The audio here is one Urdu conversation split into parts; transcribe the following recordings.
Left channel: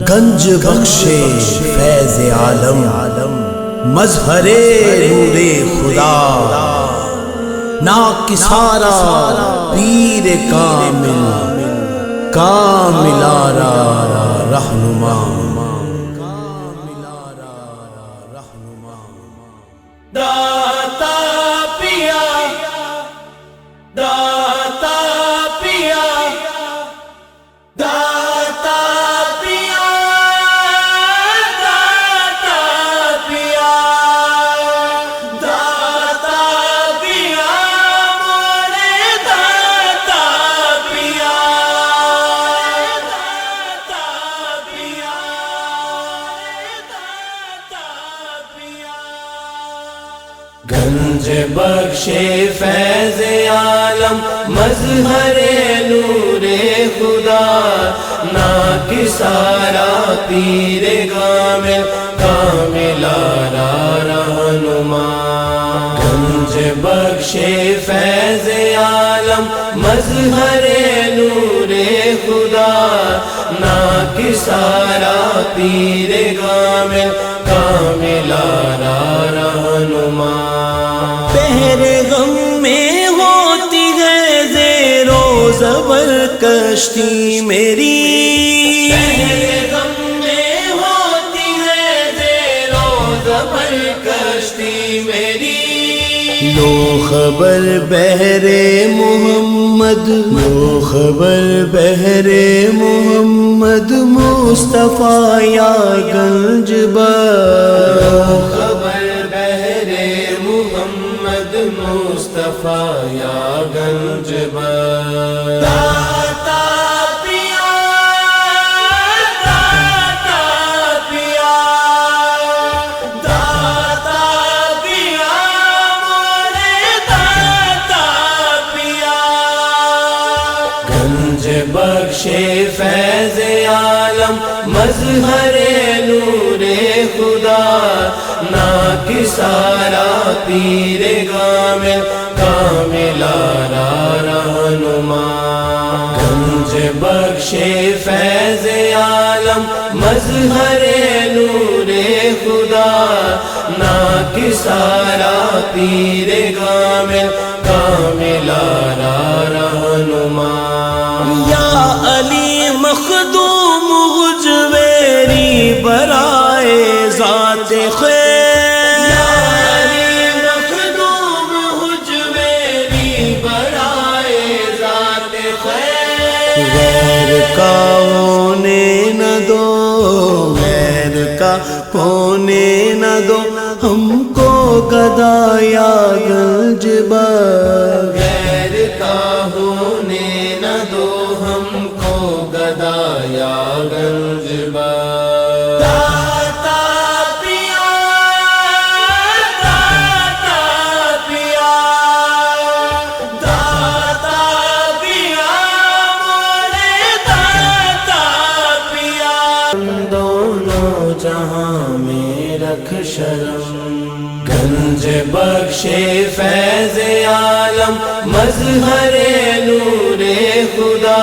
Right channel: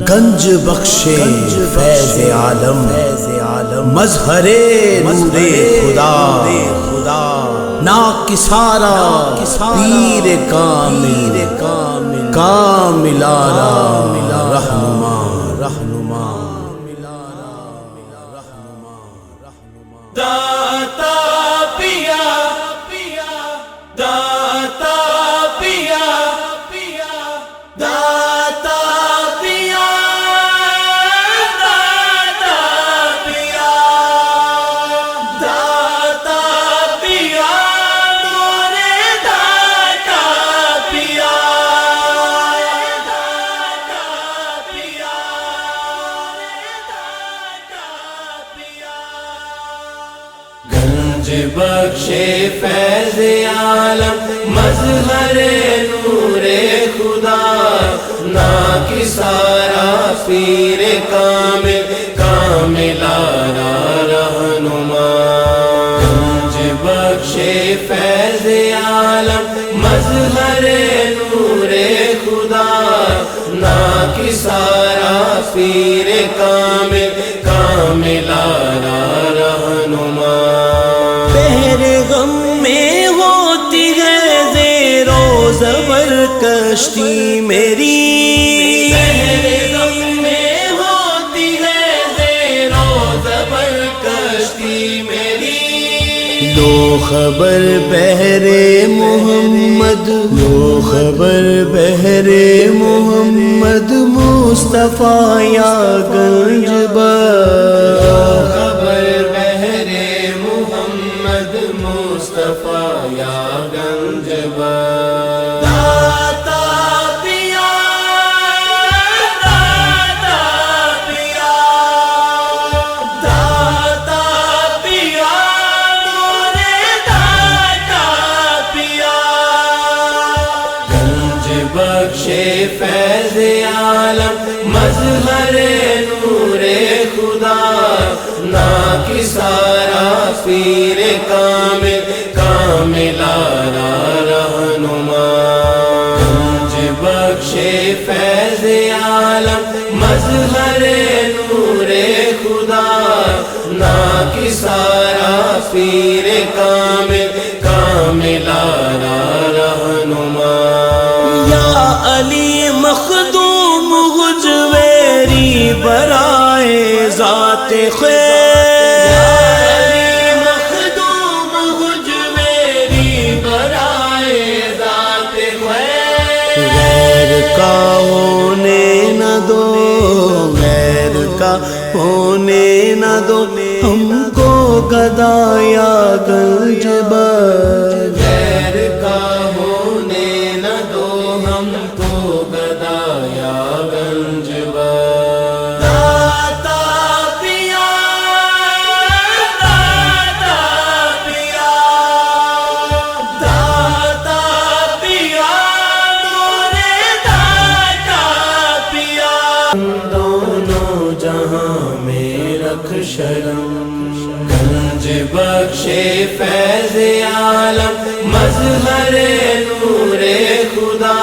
گنج بخش فیض عالم، مظہر نور خدا، ناکسارا پیر کامل، کاملارا رہنما۔ گنج بخش فیض عالم، مظہر نور خدا، ناکسارا پیر کامل، کاملارا رہنما۔ گنج بخش فیض عالم، مظہر نور خدا، ناکسارا پیر کامل، کاملارا رہنما۔ بحر غم میں ہوتی ہے زیر و زبر کشتی میری، بحر غم میں ہوتی ہے زیر و زبر کشتی میری۔ لو خبر بحر محمد، لو خبر بحر محمد، مصطفیٰ یا گنج بخش، مصطفیٰ یا گنج بخش۔ داتا پیا، داتا پیا، داتا پیا، مورے داتا پیا۔ گنج بخش فیض عالم، مظہر نور خدا، ناکسارا پیر کامل، کاملارا رہنما۔ گنج بخش فیض عالم، مظہر نور خدا، ناکسارا پیر کامل، کاملارا رہنما۔ یا علی مخدوم حجویری برائے ذات خیر، غیر کا ہونے نہ دو، غیر کا ہونے نہ دو ہم کو گدا یا گنج بخش، غیر کا ہونے نہ دو ہم کو گدا یا گنج بخش۔ داتا پیا، داتا پیا، داتا پیا، مورے داتا پیا۔ دونوں جہاں میں رکھ شرم، گنج بخش فیض عالم، مظہر نور خدا،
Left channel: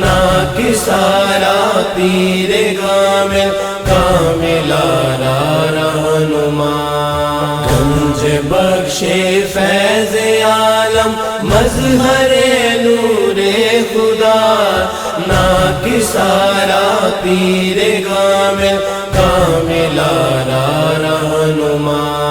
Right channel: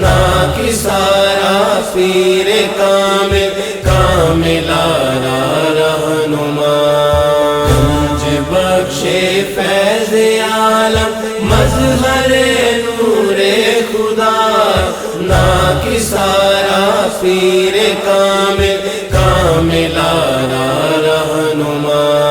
ناکسارا پیر کامل، کاملارا رہنما۔ گنج بخش فیض عالم، مظہر نور خدا، ناکسارا پیر کامل، کاملارا رہنما۔